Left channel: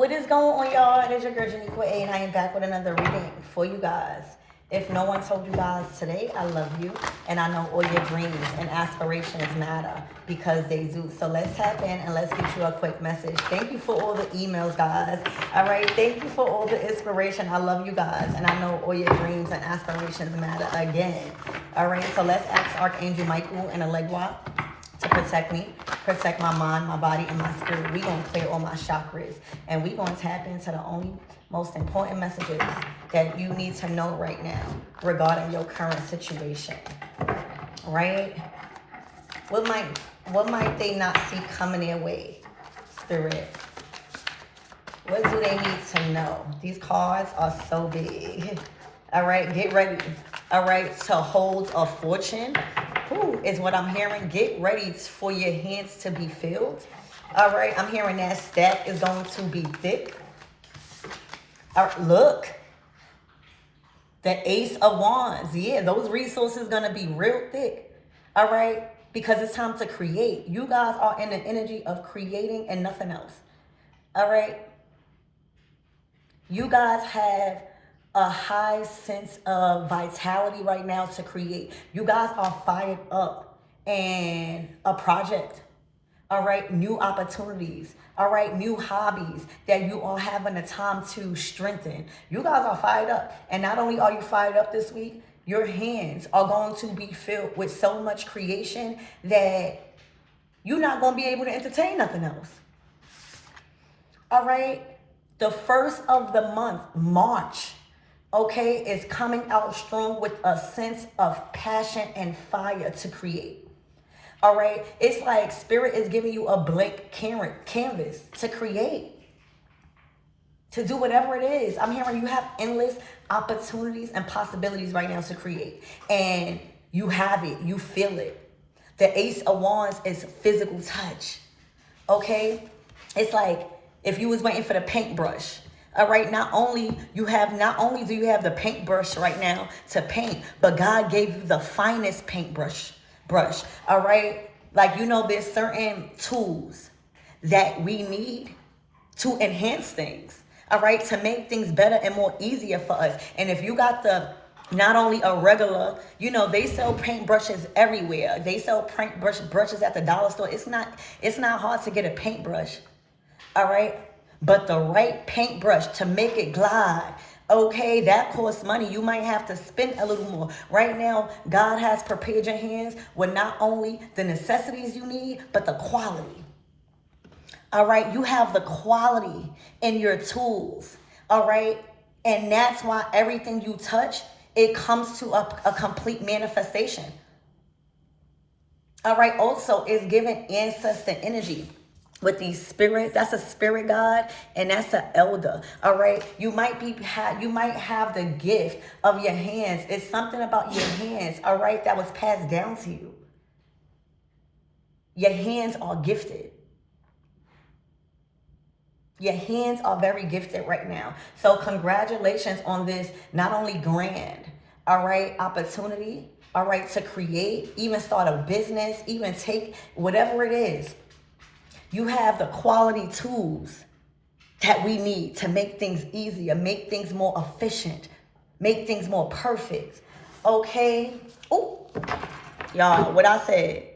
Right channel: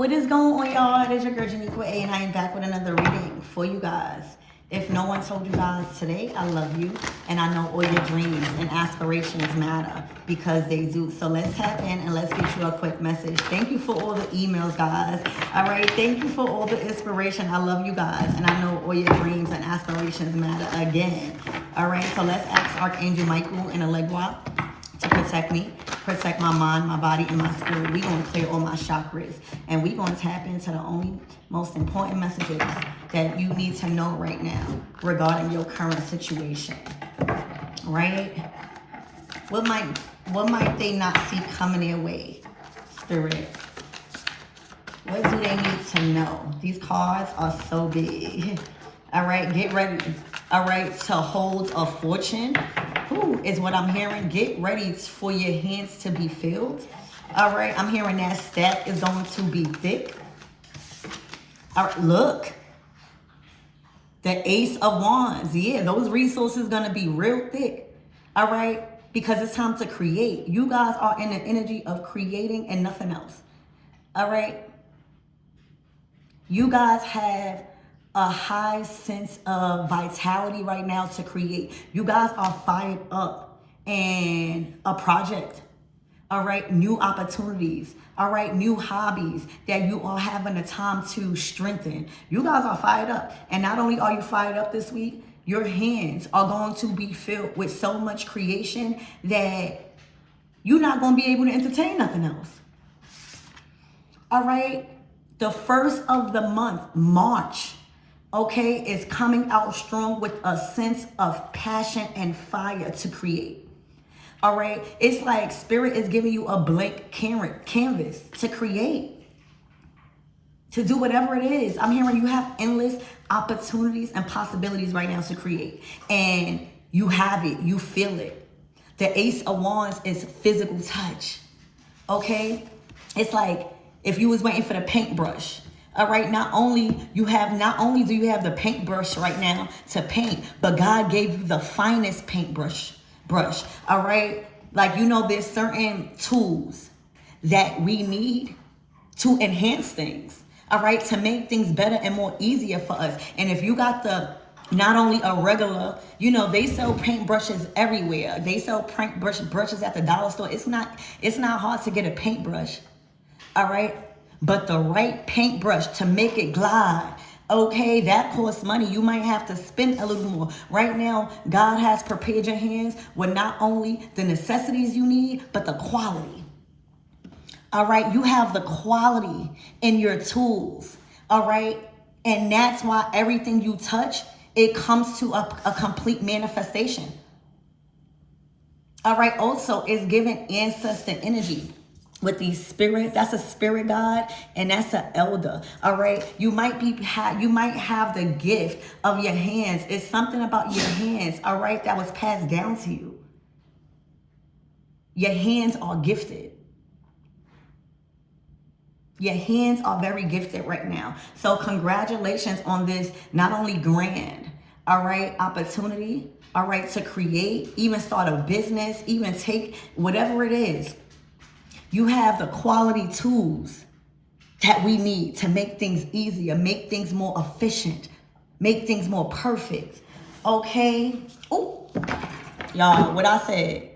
What is going on, y'all? It is your girl Janiqua A, and I am back with another reading for you guys. If no one told you guys today, I love you, and I know all your dreams and aspirations matter because they do. So let's tap in and let's get you a quick message. Thank you for all the emails, guys. All right, thank you for all the inspiration. I love you guys, and I know all your dreams and aspirations matter again. All right, so let's ask Archangel Michael and Allegra to protect me, protect my mind, my body, and my spirit. We're going to clear all my chakras, and we're going to tap into the only most important messages that you need to know right now regarding your current situation, right? What might they not see coming their way, Spirit? What do they need to know? These cards are so big. All right, get ready. All right, to hold a fortune. Ooh, is what I'm hearing. Get ready for your hands to be filled. All right, I'm hearing that stack is going to be thick. All right, look. The Ace of Wands. Yeah, those resources going to be real thick. All right, because it's time to create. You guys are in the energy of creating and nothing else. All right. You guys have a high sense of vitality right now to create. You guys are fired up and a project. All right, new opportunities. All right, new hobbies that you are having the time to strengthen. You guys are fired up. And not only are you fired up this week, your hands are going to be filled with so much creation that you're not going to be able to entertain nothing else. All right, the first of the month, March, okay, is coming out strong with a sense of passion and fire to create. All right, it's like Spirit is giving you a blank canvas to create, to do whatever it is. I'm hearing you have endless opportunities and possibilities right now to create, and you have it, you feel it. The Ace of Wands is physical touch, okay? It's like if you was waiting for the paintbrush. All right, not only do you have the paintbrush right now to paint, but God gave you the finest paintbrush. All right, like, you know, there's certain tools that we need to enhance things. All right, to make things better and more easier for us. And if you got not only a regular, you know, they sell paintbrushes everywhere. They sell brushes at the dollar store. It's not hard to get a paintbrush. All right. But the right paintbrush to make it glide, okay, that costs money. You might have to spend a little more. Right now, God has prepared your hands with not only the necessities you need, but the quality. All right, you have the quality in your tools. All right, and that's why everything you touch, it comes to a complete manifestation. All right, also, it's giving ancestor energy. With these spirits, that's a spirit guide, and that's an elder. All right, you might have the gift of your hands. It's something about your hands, all right, that was passed down to you. Your hands are gifted. Your hands are very gifted right now. So congratulations on this not only grand, all right, opportunity, all right, to create, even start a business, even take whatever it is. You have the quality tools that we need to make things easier, make things more efficient, make things more perfect. Okay? Oh, y'all, what I said,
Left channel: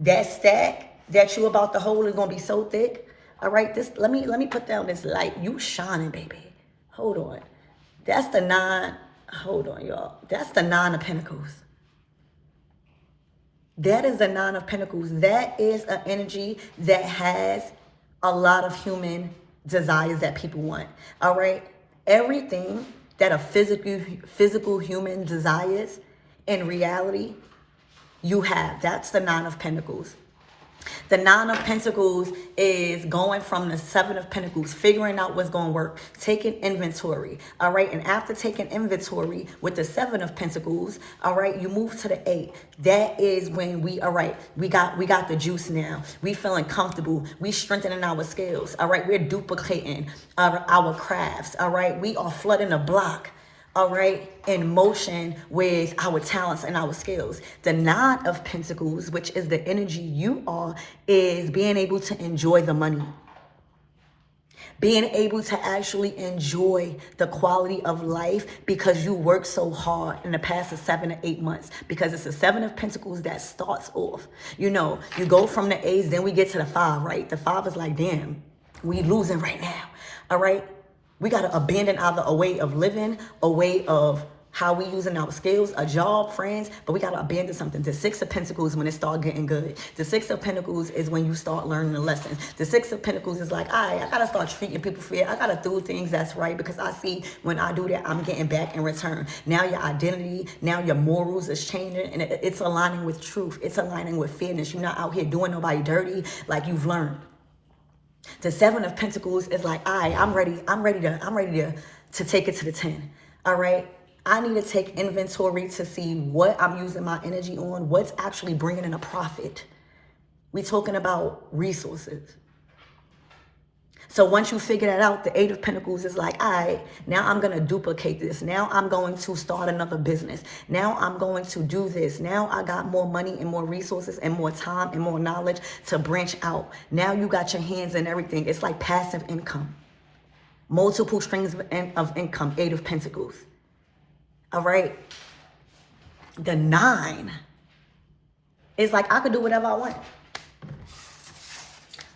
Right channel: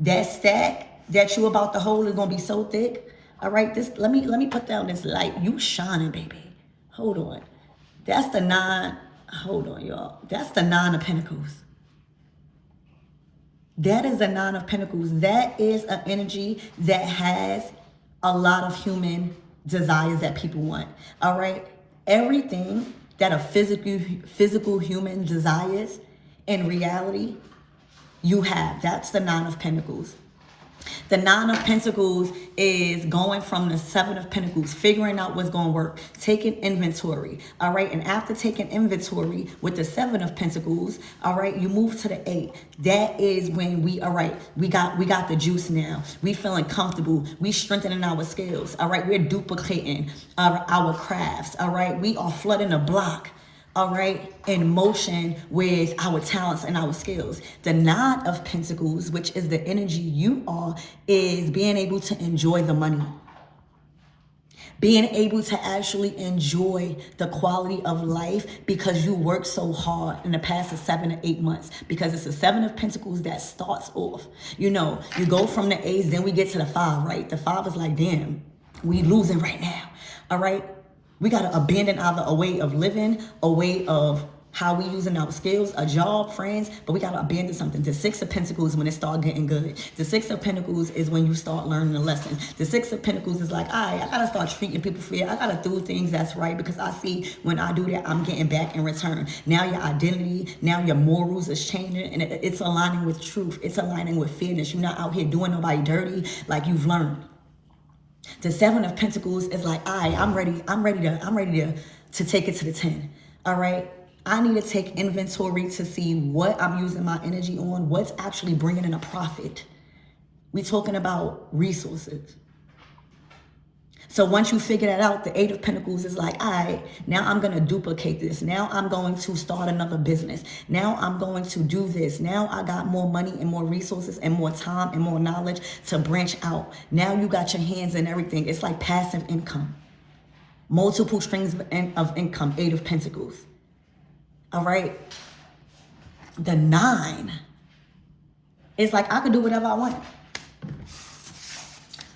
that stack that you about to hold is gonna be so thick. All right, let me put down this light. You shining, baby. Hold on. That's the 9. Hold on, y'all. That's the 9 of Pentacles. That is the 9 of Pentacles. That is an energy that has a lot of human desires that people want. All right? Everything that a physical human desires, in reality, you have. That's the 9 of Pentacles. The 9 of Pentacles is going from the 7 of Pentacles, figuring out what's going to work, taking inventory, all right? And after taking inventory with the 7 of Pentacles, all right, you move to the 8. That is when all right, we got the juice now. We feeling comfortable. We strengthening our skills, all right? We're duplicating our crafts, all right? We are flooding the block, all right, in motion with our talents and our skills. The 9 of Pentacles, which is the energy you are, is being able to enjoy the money. Being able to actually enjoy the quality of life because you worked so hard in the past 7 to 8 months. Because it's the 7 of Pentacles that starts off. You know, you go from the A's, then we get to the 5, right? The 5 is like, damn, we losing right now. All right? We got to abandon either a way of living, a way of how we using our skills, a job, friends, but we got to abandon something. The 6 of Pentacles when it start getting good. The 6 of Pentacles is when you start learning a lesson. The 6 of Pentacles is like, all right, I got to start treating people fair. I got to do things that's right because I see when I do that, I'm getting back in return. Now your identity, now your morals is changing and it's aligning with truth. It's aligning with fairness. You're not out here doing nobody dirty like you've learned. The 7 of Pentacles is like, all right, I'm ready to take it to the 10. All right. I need to take inventory to see what I'm using my energy on, what's actually bringing in a profit. We're talking about resources. So once you figure that out, the 8 of Pentacles is like, all right, now I'm going to duplicate this. Now I'm going to start another business. Now I'm going to do this. Now I got more money and more resources and more time and more knowledge to branch out. Now you got your hands in everything. It's like passive income. Multiple streams of income, 8 of Pentacles. All right. The 9 is like, I could do whatever I want.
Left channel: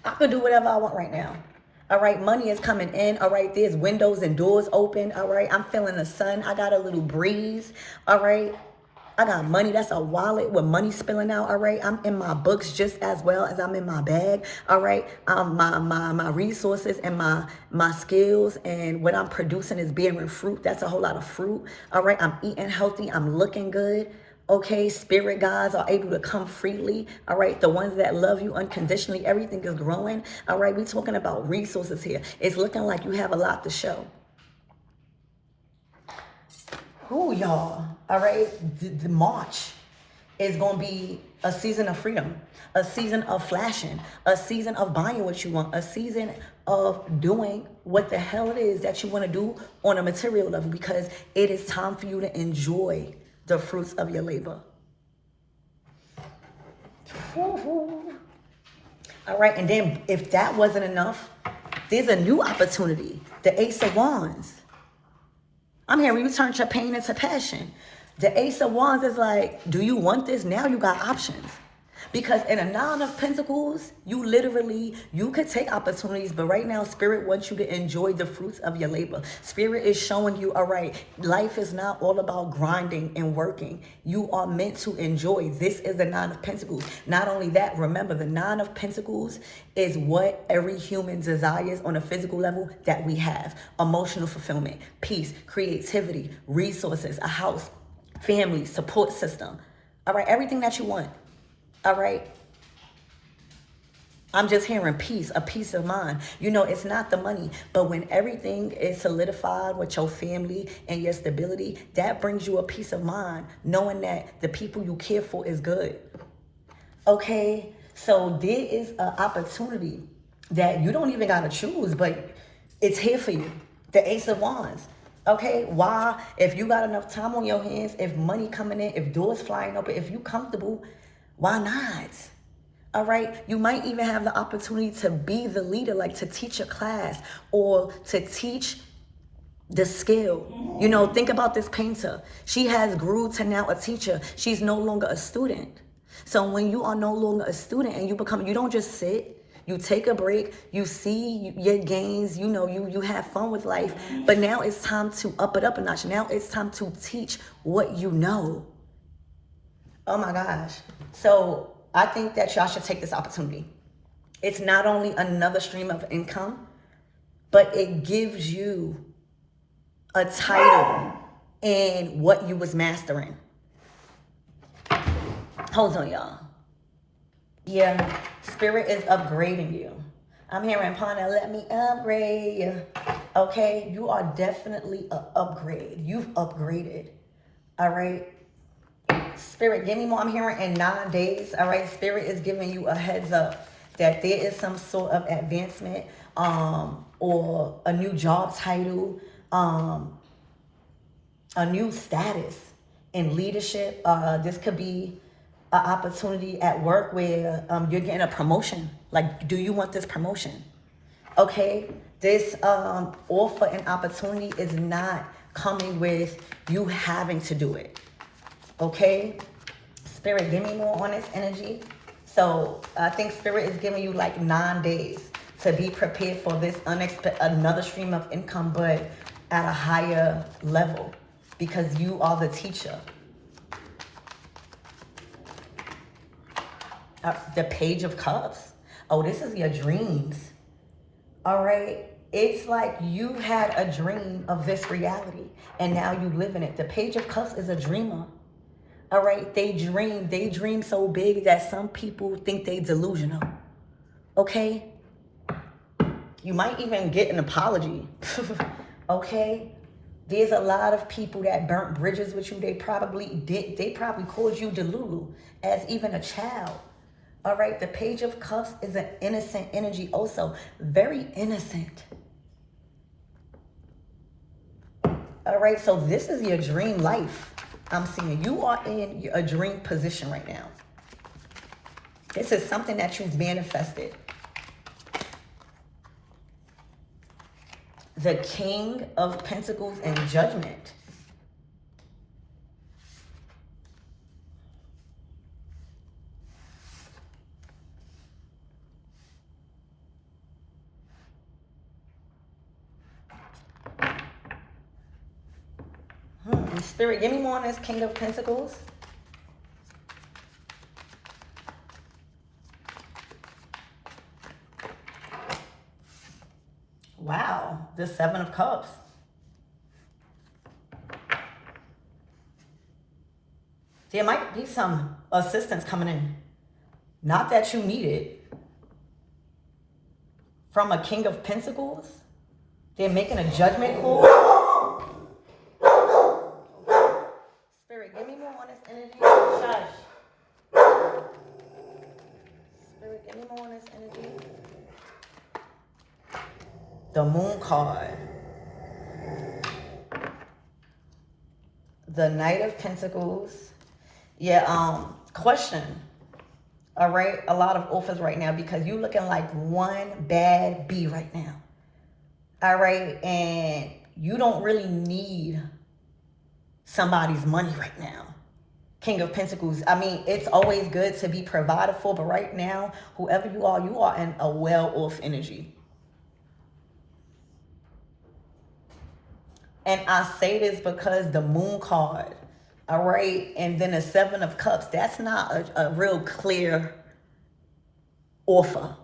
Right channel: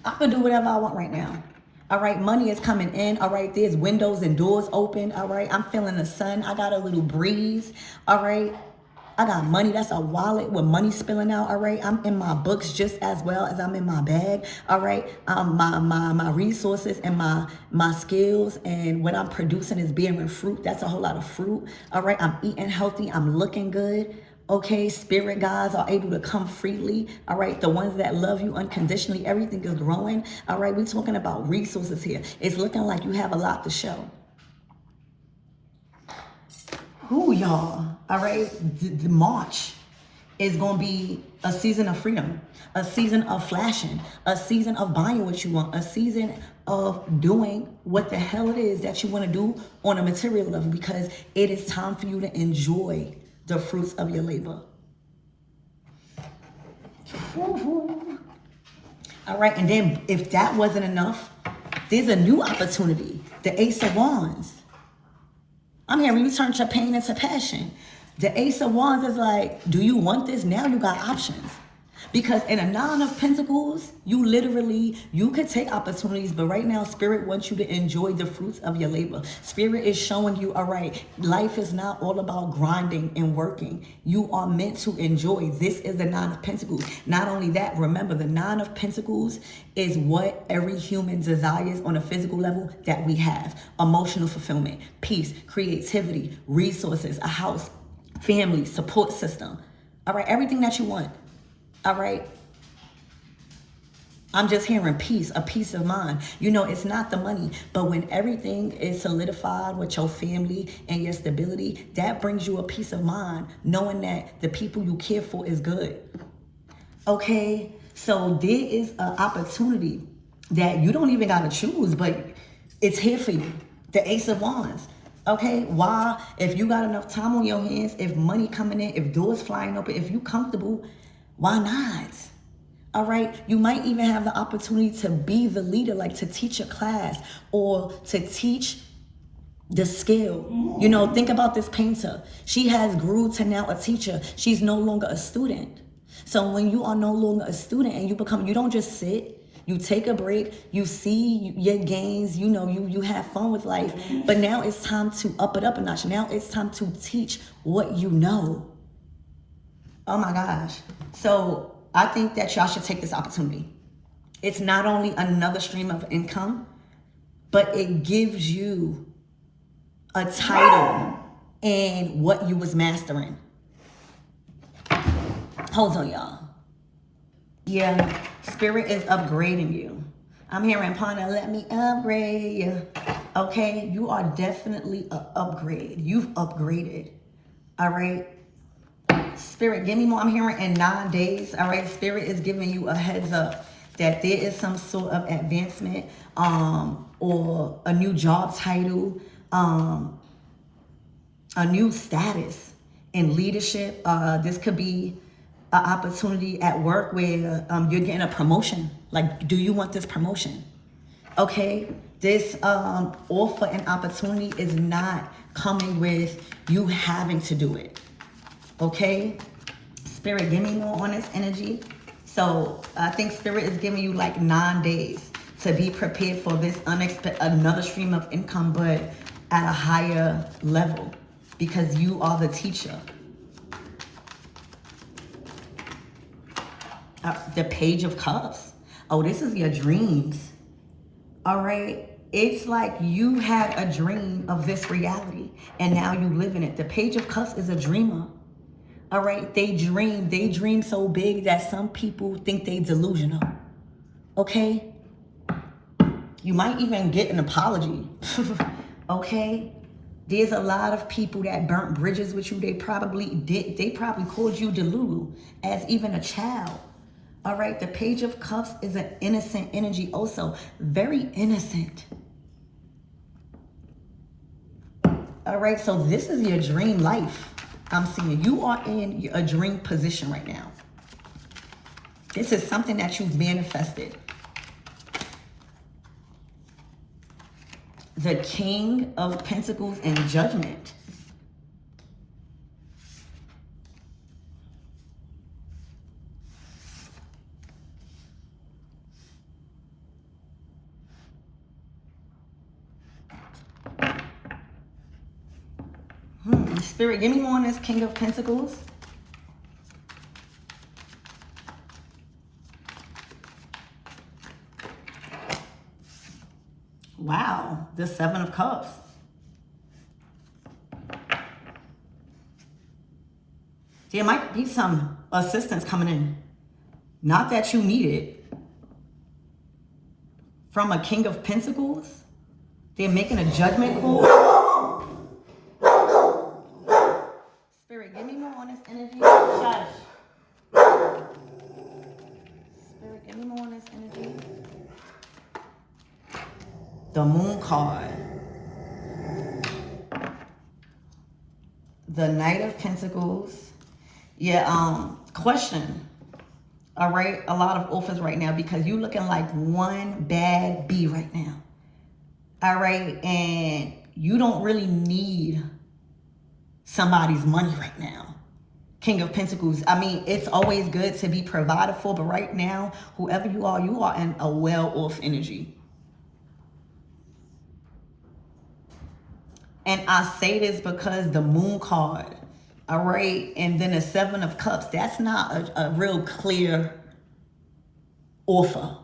I could do whatever I want right now. All right. Money is coming in. All right. There's windows and doors open. All right. I'm feeling the sun. I got a little breeze. All right. I got money. That's a wallet with money spilling out. All right. I'm in my books just as well as I'm in my bag. All right. My resources and my skills and what I'm producing is bearing fruit. That's a whole lot of fruit. All right. I'm eating healthy. I'm looking good. Okay. Spirit guides are able to come freely. All right. The ones that love you unconditionally, everything is growing. All right. We're talking about resources here. It's looking like you have a lot to show. Who y'all? All right, the March is going to be a season of freedom, a season of flashing, a season of buying what you want, a season of doing what the hell it is that you want to do on a material level because it is time for you to enjoy the fruits of your labor. All right, and then if that wasn't enough, there's a new opportunity, the Ace of Wands. I'm hearing you turn your pain into passion. The Ace of Wands is like, do you want this? Now you got options. Because in a 9 of Pentacles, you could take opportunities, but right now, Spirit wants you to enjoy the fruits of your labor. Spirit is showing you, all right, life is not all about grinding and working. You are meant to enjoy. This is the 9 of Pentacles. Not only that, remember, the 9 of Pentacles is what every human desires on a physical level that we have. Emotional fulfillment, peace, creativity, resources, a house, family, support system. All right, everything that you want. All right. I'm just hearing peace, a peace of mind. You know, it's not the money, but when everything is solidified with your family and your stability, that brings you a peace of mind, knowing that the people you care for is good. Okay. So there is an opportunity that you don't even got to choose, but it's here for you. The Ace of Wands. Okay, why? If you got enough time on your hands, if money coming in, if doors flying open, if you comfortable, why not? All right. You might even have the opportunity to be the leader, like to teach a class or to teach the skill. You know, think about this painter. She has grew to now a teacher. She's no longer a student. So when you are no longer a student and you don't just sit, you take a break, you see your gains, you know, you have fun with life. But now it's time to up it up a notch. Now it's time to teach what you know. Oh my gosh. So I think that y'all should take this opportunity. It's not only another stream of income, but it gives you a title in what you was mastering. Hold on, y'all. Yeah, Spirit is upgrading you. I'm hearing, Pana, let me upgrade you. Okay, you are definitely an upgrade. You've upgraded. All right. Spirit, give me more. I'm hearing in 9 days. All right. Spirit is giving you a heads up that there is some sort of advancement or a new job title, a new status in leadership. This could be an opportunity at work where you're getting a promotion. Like, do you want this promotion? Okay. This offer and opportunity is not coming with you having to do it. Okay? Spirit, give me more on this energy. So I think Spirit is giving you like 9 days to be prepared for this another stream of income, but at a higher level, because you are the teacher. The Page of Cups. Oh, this is your dreams. All right. It's like you had a dream of this reality and now you live in it. The Page of Cups is a dreamer. All right. They dream so big that some people think they delusional. Okay. You might even get an apology. Okay. There's a lot of people that burnt bridges with you. They probably called you delulu as even a child. All right, the Page of Cups is an innocent energy also. Very innocent. All right, so this is your dream life. I'm seeing you are in a dream position right now. This is something that you've manifested. The King of Pentacles and Judgment. Spirit, give me more on this King of Pentacles. Wow, the Seven of Cups. There might be some assistance coming in. Not that you need it. From a King of Pentacles. They're making a judgment call. Spirit, give me more on this energy. Shush. Spirit, give me more on this energy. The Moon card. The Knight of Pentacles. Yeah, question. All right, a lot of offers right now because you're looking like one bad bee right now. All right, and you don't really need somebody's money right now. King of Pentacles. I mean, it's always good to be provided for, but right now, whoever you are in a well-off energy. And I say this because the Moon card, all right, and then the Seven of Cups, that's not a real clear offer,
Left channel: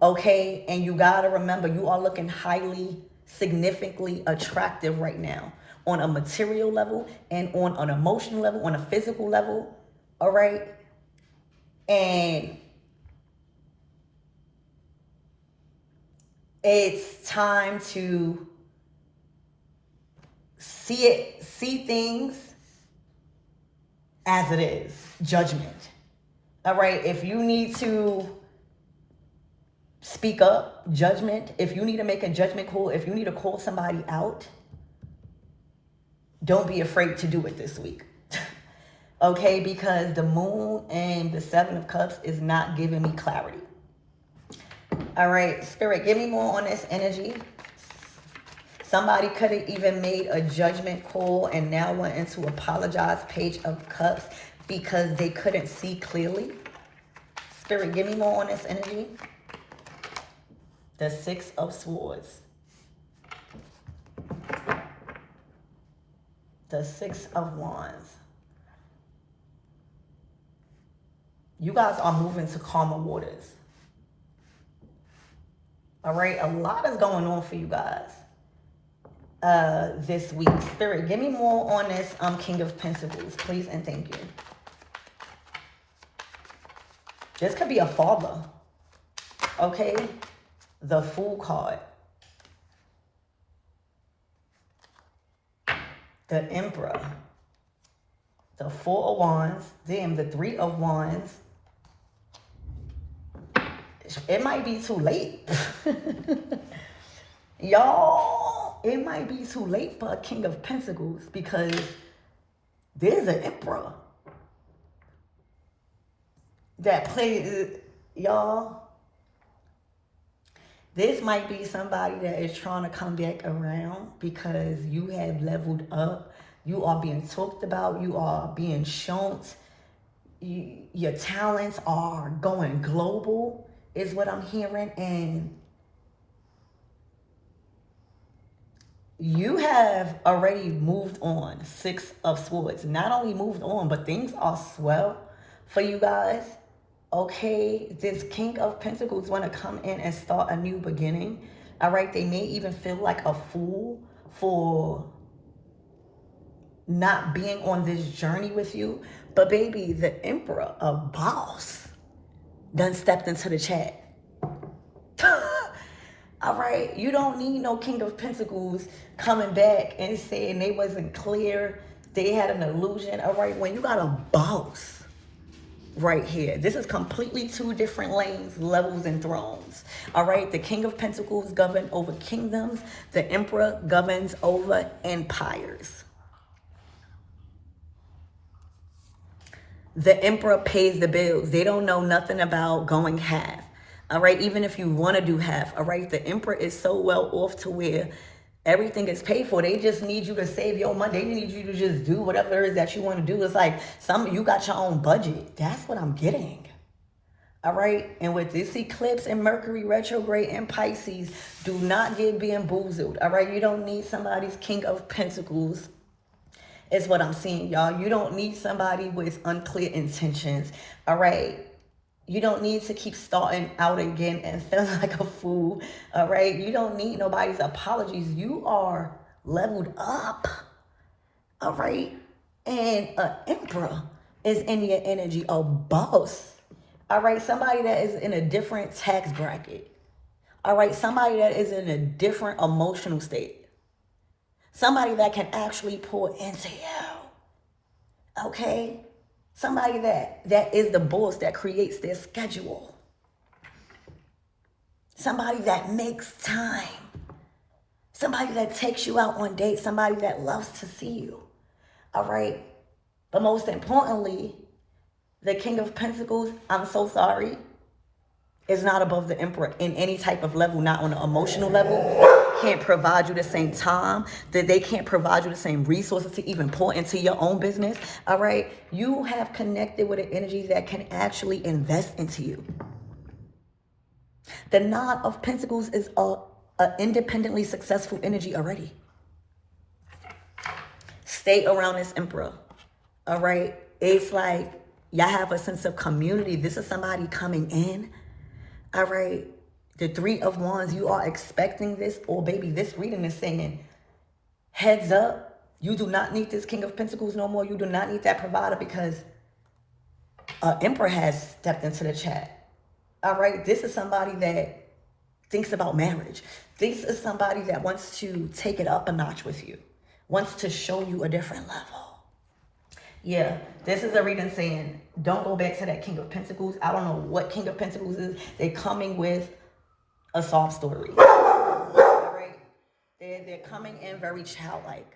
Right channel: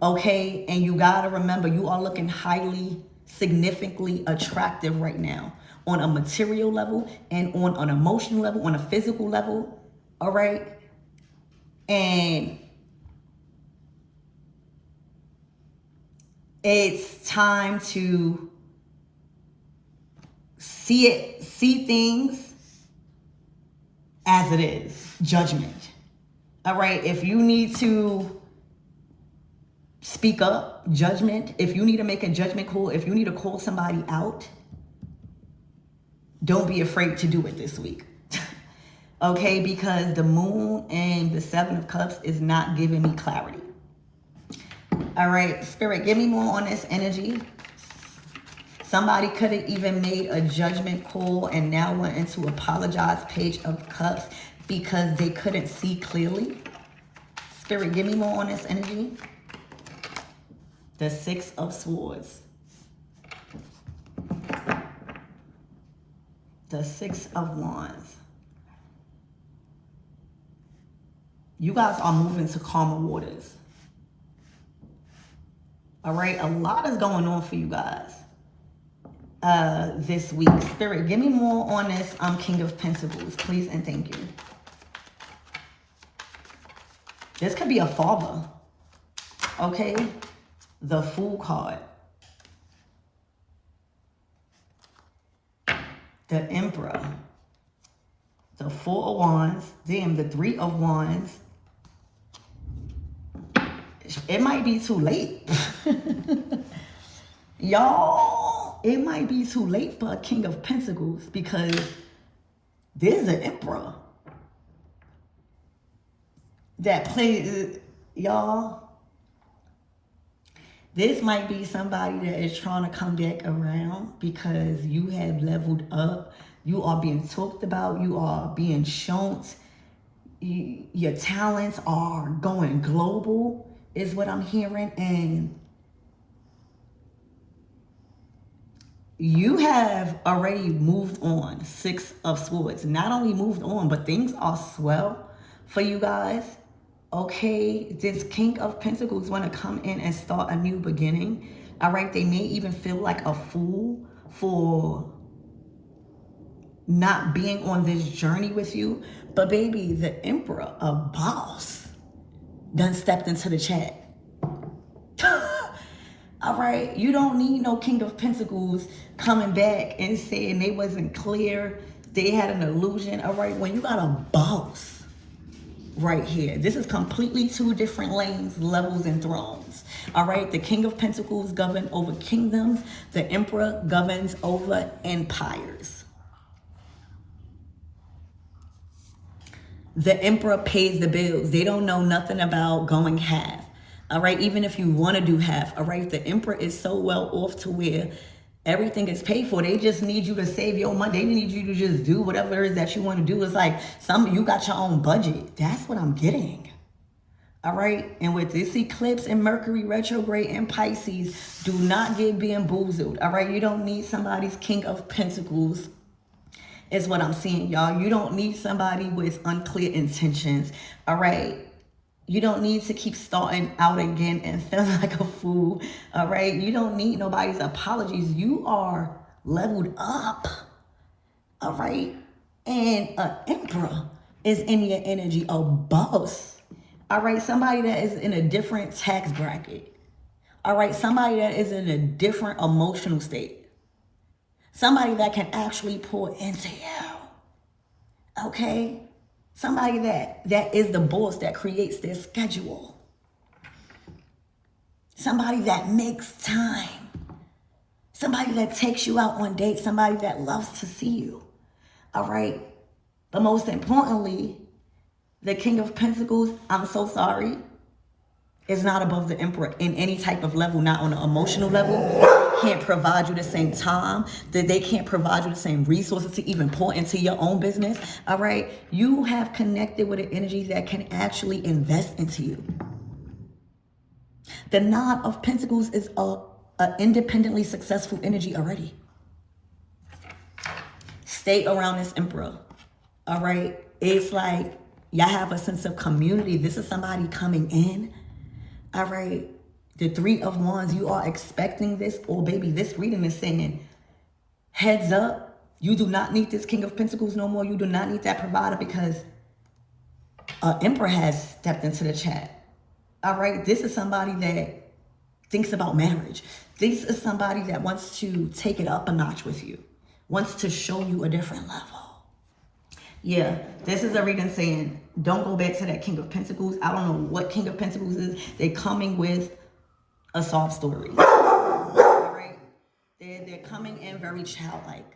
okay? And you got to remember, you are looking highly, significantly attractive right now on a material level and on an emotional level, on a physical level, all right? And it's time to see things as it is. Judgment. All right, if you need to speak up, judgment. If you need to make a judgment call, if you need to call somebody out, don't be afraid to do it this week. Okay, because the Moon and the Seven of Cups is not giving me clarity. All right, Spirit, give me more on this energy. Somebody could have even made a judgment call and now wanting to apologize, Page of Cups, because they couldn't see clearly. Spirit, give me more on this energy. The Six of Swords. The Six of Wands. You guys are moving to calmer waters. All right, a lot is going on for you guys this week. Spirit, give me more on this King of Pentacles, please and thank you. This could be a father, okay? The Fool card. The Emperor. The Four of Wands. Damn, the Three of Wands. It might be too late. Y'all, it might be too late for a King of Pentacles because there's an Emperor that plays, y'all. This might be somebody that is trying to come back around because you have leveled up. You are being talked about. You are being shown. Your talents are going global, is what I'm hearing. And you have already moved on. 6 of Swords. Not only moved on, but things are swell for you guys. Okay, this King of Pentacles want to come in and start a new beginning. All right, they may even feel like a fool for not being on this journey with you. But baby, the Emperor, a boss, done stepped into the chat. All right, you don't need no King of Pentacles coming back and saying they wasn't clear, they had an illusion. All right, when you got a boss right here, this is completely 2 different lanes, levels, and thrones. All right, the King of Pentacles governs over kingdoms. The Emperor governs over empires. The Emperor pays the bills. They don't know nothing about going half. All right, even if you want to do half. All right, the Emperor is so well off to where everything is paid for. They just need you to save your money. They need you to just do whatever it is that you want to do. It's like you got your own budget. That's what I'm getting. All right. And with this eclipse and Mercury retrograde in Pisces, do not get bamboozled. All right. You don't need somebody's King of Pentacles, is what I'm seeing, y'all. You don't need somebody with unclear intentions. All right. You don't need to keep starting out again and feeling like a fool, all right? You don't need nobody's apologies. You are leveled up, all right? And an Emperor is in your energy, a boss, all right? Somebody that is in a different tax bracket, all right? Somebody that is in a different emotional state. Somebody that can actually pour into you, okay? Somebody that is the boss, that creates their schedule. Somebody that makes time. Somebody that takes you out on dates. Somebody that loves to see you. All right. But most importantly, the King of Pentacles, I'm so sorry, is not above the Emperor in any type of level, not on an emotional level. Can't provide you the same time, that they can't provide you the same resources to even pour into your own business. All right, you have connected with an energy that can actually invest into you. The Nine of Pentacles is a independently successful energy already. Stay around this Emperor. All right, it's like y'all have a sense of community. This is somebody coming in. All right, the 3 of Wands, you are expecting this. Or baby, this reading is saying, heads up, you do not need this King of Pentacles no more. You do not need that provider because Emperor has stepped into the chat. All right, this is somebody that thinks about marriage. This is somebody that wants to take it up a notch with you, wants to show you a different level. Yeah, this is a reading saying, don't go back to that King of Pentacles. I don't know what King of Pentacles is. They're coming with a sob story. All right? They're coming in very childlike.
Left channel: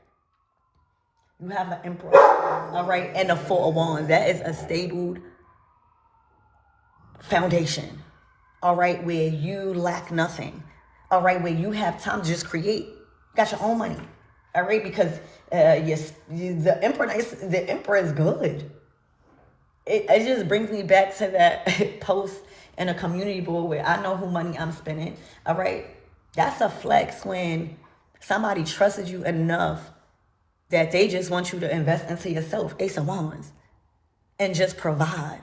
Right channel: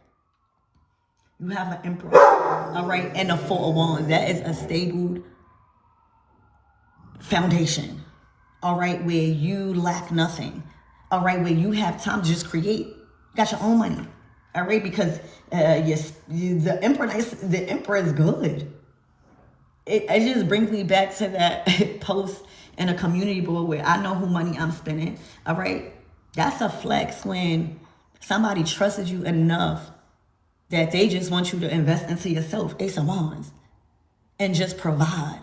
You have an Emperor, all right, and a 4 of Wands. That is a stable foundation, all right, where you lack nothing, all right, where you have time to just create. You got your own money, all right, because the Emperor is good. It just brings me back to that post in a community board where I know who money I'm spending, all right? That's a flex when somebody trusted you enough that they just want you to invest into yourself, Ace of Wands, and just provide.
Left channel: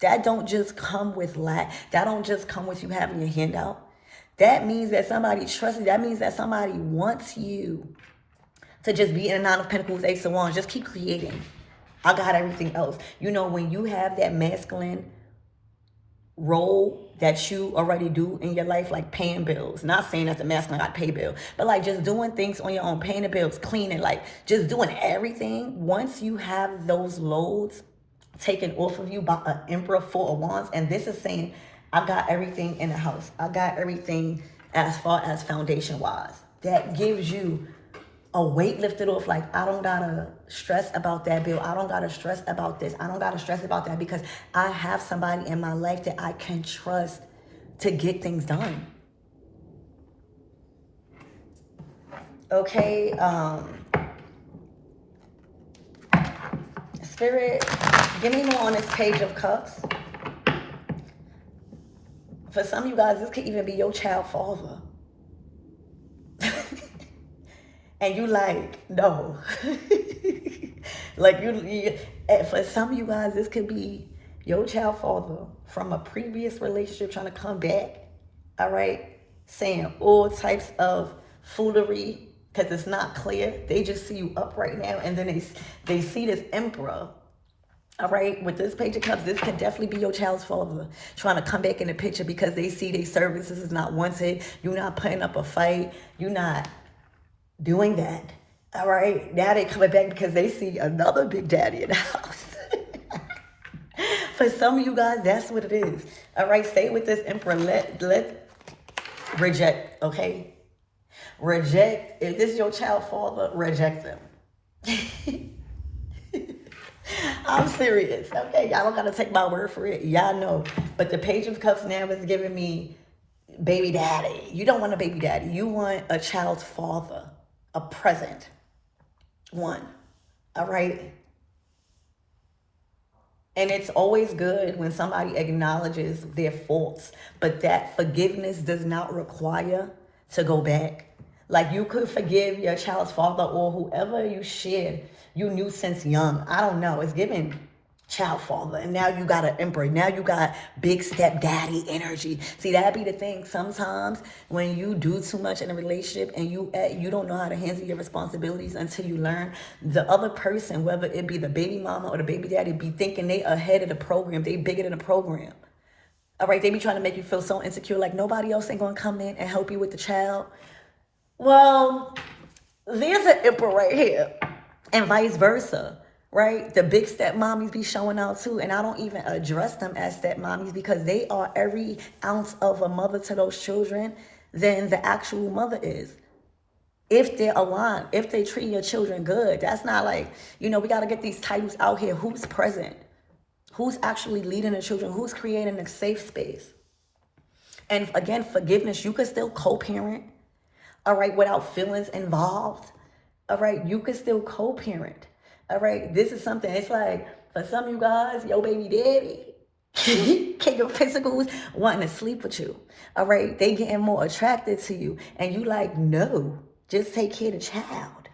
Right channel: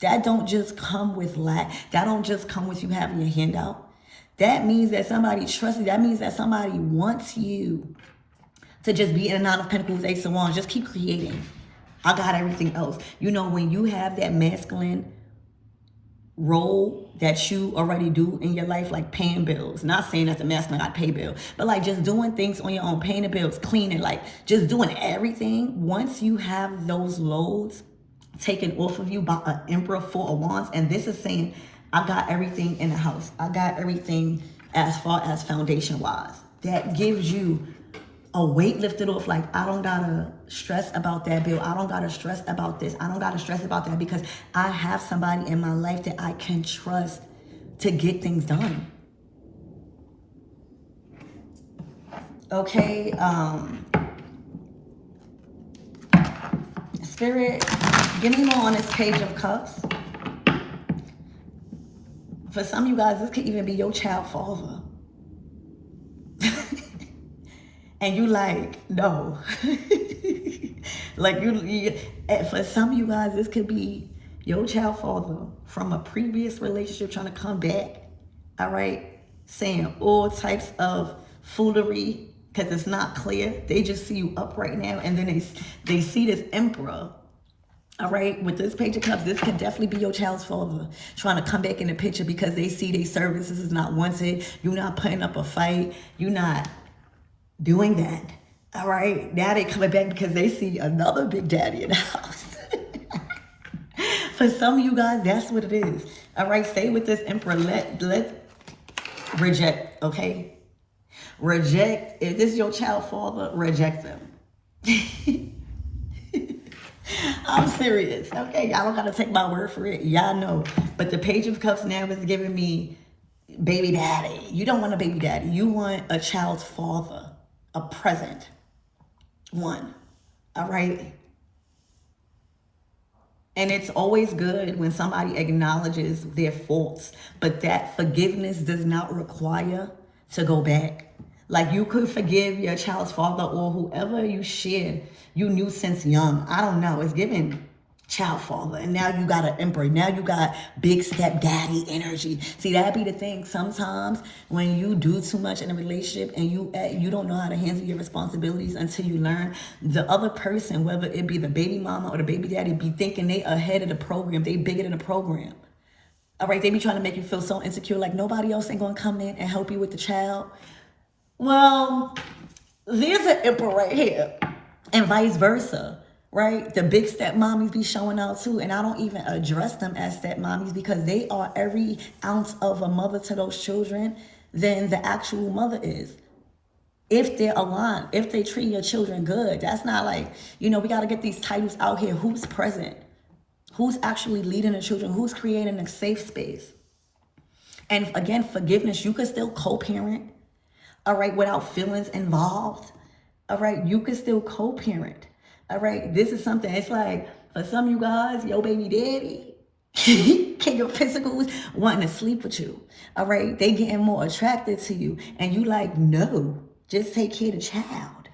That don't just come with lack. That don't just come with you having your hand out. That means that somebody trusts you. That means that somebody wants you to just be in a 9 of Pentacles, Ace of Wands. Just keep creating. I got everything else. You know, when you have that masculine role that you already do in your life, like paying bills, not saying that the masculine got to pay bills, but like just doing things on your own, paying the bills, cleaning, like just doing everything. Once you have those loads taken off of you by an Emperor, 4 of Wands, and this is saying, I got everything in the house. I got everything as far as foundation wise. That gives you a weight lifted off. Like, I don't gotta stress about that bill. I don't gotta stress about this. I don't gotta stress about that because I have somebody in my life that I can trust to get things done. Okay, Spirit, give me more on this Page of Cups. For some of you guys, this could even be your child father. And you like, no. Like for some of you guys, this could be your child father from a previous relationship trying to come back. All right. Saying all types of foolery because it's not clear. They just see you up right now. And then they see this emperor. All right, with this Page of Cups, this could definitely be your child's father trying to come back in the picture because they see their services is not wanted. You're not putting up a fight. You're not doing that. All right, now they coming back because they see another big daddy in the house. For some of you guys, that's what it is. All right, stay with this emperor. Let reject, okay? Reject. If this is your child father, reject them. I'm serious. Okay, y'all don't gotta take my word for it. Y'all know. But the Page of Cups now is giving me baby daddy. You don't want a baby daddy. You want a child's father, a present one. All right? And it's always good when somebody acknowledges their faults, but that forgiveness does not require to go back. Like you could forgive your child's father or whoever you shared, you knew since young. I don't know. It's giving child father. And now you got an emperor. Now you got big stepdaddy energy. See, that be the thing. Sometimes when you do too much in a relationship and you don't know how to handle your responsibilities until you learn, the other person, whether it be the baby mama or the baby daddy, be thinking they ahead of the program. They bigger than the program. All right, they be trying to make you feel so insecure, like nobody else ain't going to come in and help you with the child. Well, there's an emperor right here. And vice versa, right? The big stepmommies be showing out too. And I don't even address them as stepmommies because they are every ounce of a mother to those children than the actual mother is. If they're aligned, if they treat your children good, that's not like, we got to get these titles out here. Who's present? Who's actually leading the children? Who's creating a safe space? And again, forgiveness, you can still co-parent, all right, without feelings involved. All right, you can still co-parent. All right, this is something, it's like, for some of you guys, your baby daddy, your physicals wanting to sleep with you. All right, they getting more attracted to you. And you like, no, just take care of the child.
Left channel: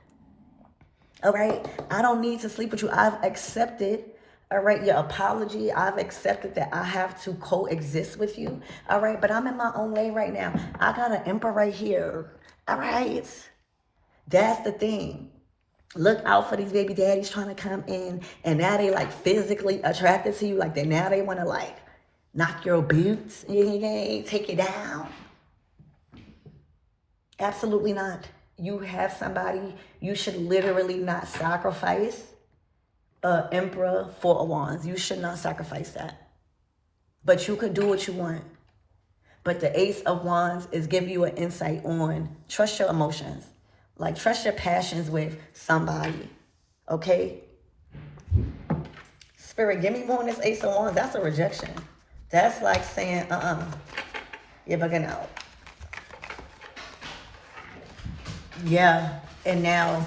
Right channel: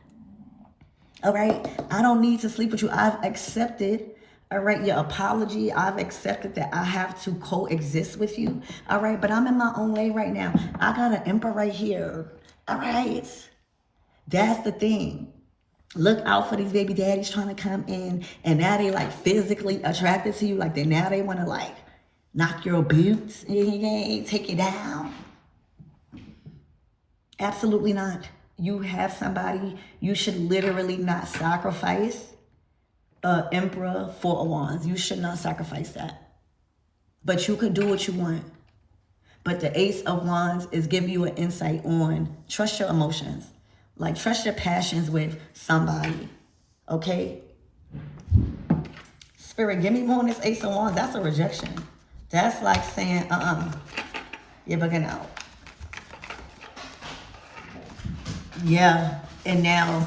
All right, I don't need to sleep with you. I've accepted, all right, your apology. I've accepted that I have to coexist with you. All right, but I'm in my own way right now. I got an emperor right here. All right. That's the thing. Look out for these baby daddies trying to come in and now they like physically attracted to you. Like now they want to like knock your boots, take you down. Absolutely not. You have somebody, you should literally not sacrifice an emperor for a wands. You should not sacrifice that. But you can do what you want. But the Ace of Wands is giving you an insight on trust your emotions. Like, trust your passions with somebody, okay? Spirit, give me more on this Ace of Wands. That's a rejection. That's like saying, you're bugging out. Yeah, and now,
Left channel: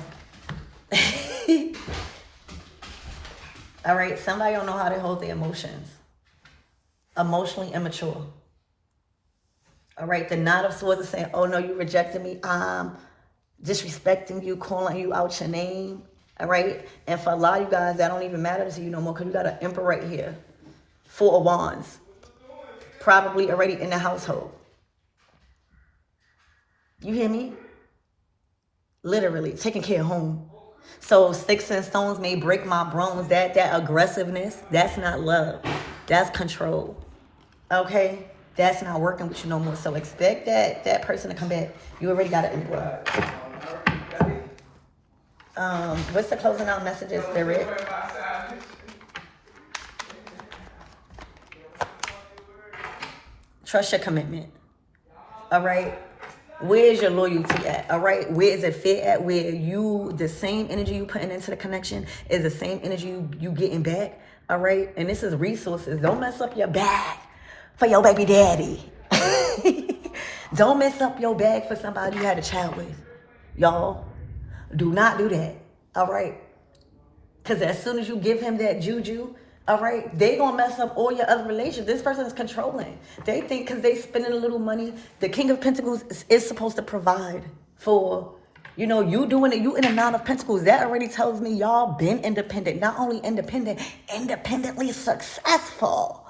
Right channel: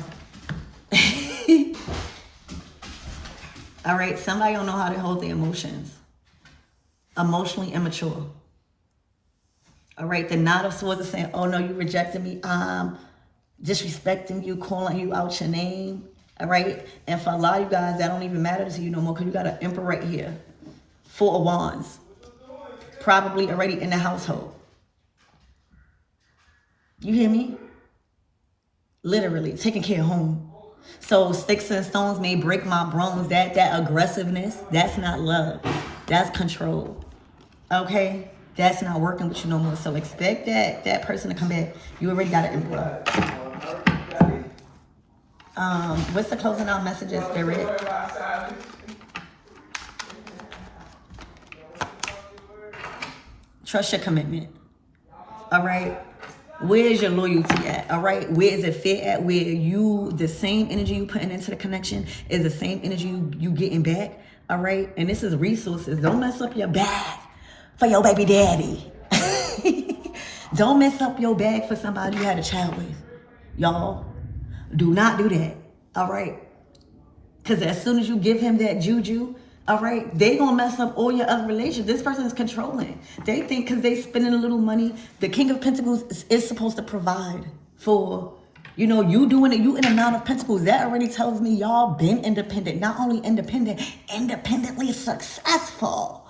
all right, somebody don't know how to hold their emotions. Emotionally immature. All right, the Knight of Swords is saying, oh no, you rejected me. Disrespecting you, calling you out your name, all right? And for a lot of you guys, that don't even matter to you no more because you got an emperor right here. Four of Wands. Probably already in the household. You hear me? Literally, taking care of home. So sticks and stones may break my bones. That aggressiveness, that's not love. That's control, okay? That's not working with you no more. So expect that person to come back. You already got an emperor. What's the closing out messages, Spirit? Trust your commitment. All right. Where's your loyalty at? All right. Where is it fit at? Where the same energy you putting into the connection is the same energy you getting back. All right. And this is resources. Don't mess up your bag for your baby daddy. Don't mess up your bag for somebody you had a child with. y'all. Do not do that, all right? Because as soon as you give him that juju, all right, they gonna mess up all your other relations. This person is controlling. They think because they spending a little money, the King of Pentacles is supposed to provide for, you know, you doing it, you in a Nine of Pentacles. That already tells me y'all been independent. Not only independent, independently successful.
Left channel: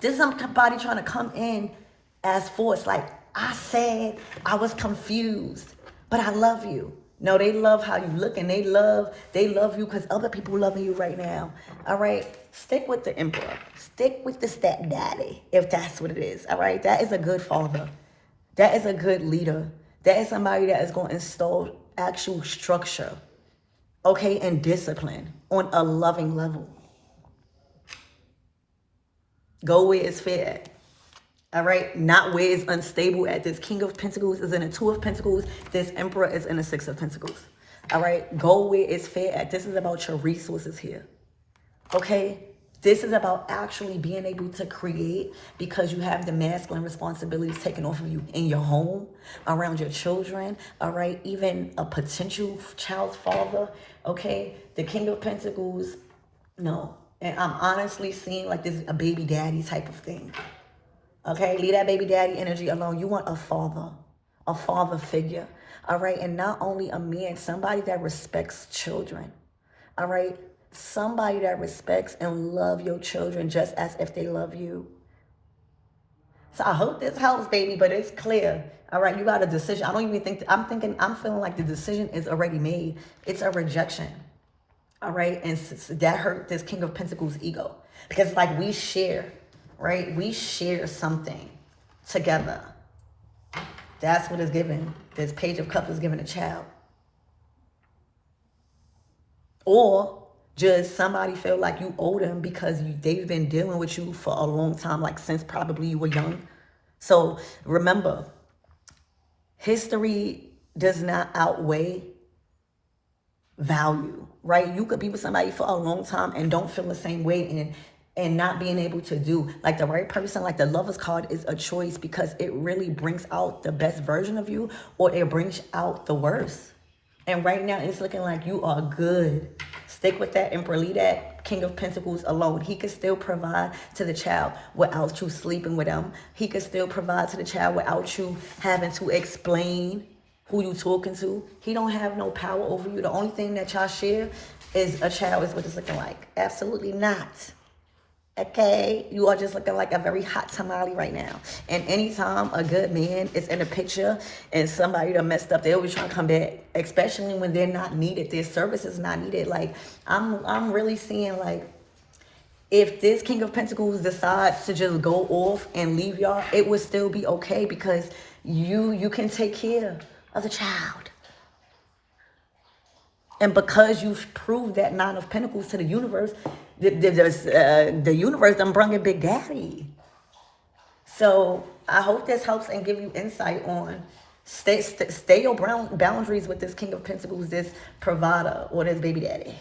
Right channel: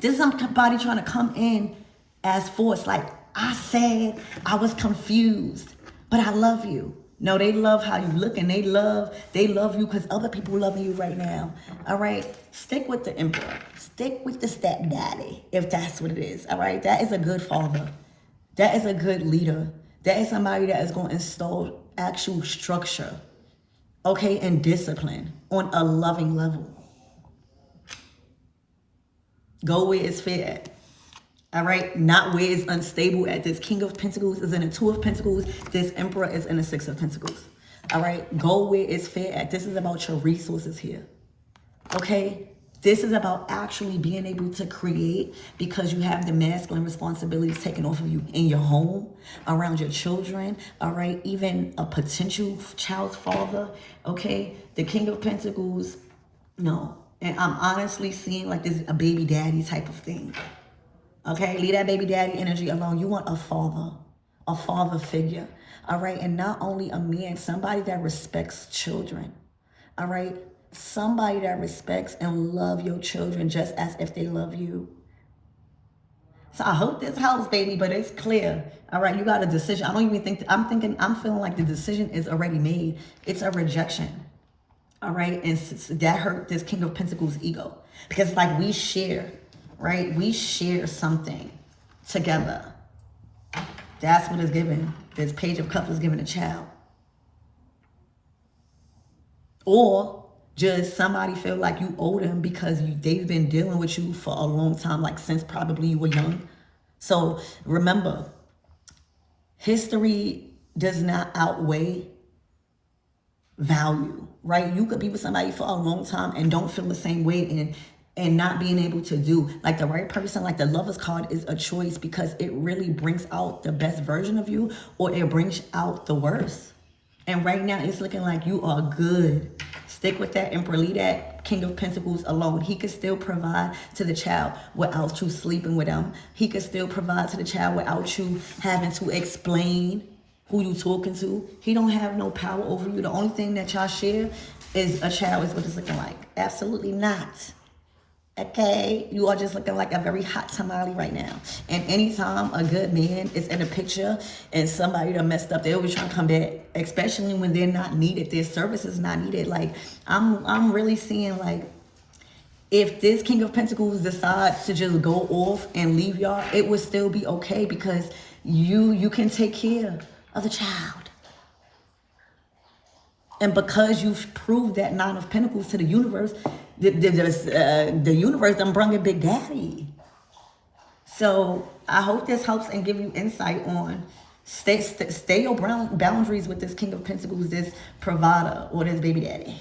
This is somebody trying to come in as force. Like, I said, I was confused, but I love you. No, they love how you look, and they love you because other people love you right now. All right? Stick with the emperor. Stick with the stepdaddy, if that's what it is. All right? That is a good father. That is a good leader. That is somebody that is going to install actual structure, okay, and discipline on a loving level. Go where it's fair at. All right, not where it's unstable at. This King of Pentacles is in a Two of Pentacles. This Emperor is in a Six of Pentacles. All right, go where it's fair at. This is about your resources here. Okay, this is about actually being able to create because you have the masculine responsibilities taken off of you in your home, around your children. All right, even a potential child's father. Okay, the King of Pentacles, no. And I'm honestly seeing like this a baby daddy type of thing. Okay, leave that baby daddy energy alone. You want a father figure. All right, and not only a man, somebody that respects children. All right, somebody that respects and love your children just as if they love you. So I hope this helps, baby, but it's clear. All right, you got a decision. I don't even think, I'm feeling like the decision is already made. It's a rejection. All right, and that hurt this King of Pentacles ego because like we share. Right? We share something together. That's what is given. This Page of Cups is given a child. Or just somebody feel like you owe them because they've been dealing with you for a long time, like since probably you were young. So remember, history does not outweigh value, right? You could be with somebody for a long time and don't feel the same way and not being able to do like the right person. Like the Lover's card is a choice because it really brings out the best version of you or it brings out the worst. And right now it's looking like you are good. Stick with that Emperor. Leave that King of Pentacles alone. He could still provide to the child without you sleeping with him. He could still provide to the child without you having to explain who you talking to. He don't have no power over you. The only thing that y'all share is a child is what it's looking like. Absolutely not. Okay, you are just looking like a very hot tamale right now. And anytime a good man is in a picture and somebody that messed up, they always trying to come back, especially when they're not needed. Their service is not needed. Like I'm really seeing like if this King of Pentacles decides to just go off and leave y'all, it would still be okay because you can take care of the child. And because you've proved that Nine of Pentacles to the universe, the universe done brung in Big Daddy. So I hope this helps and give you insight on stay your boundaries with this King of Pentacles, this provider or this baby daddy.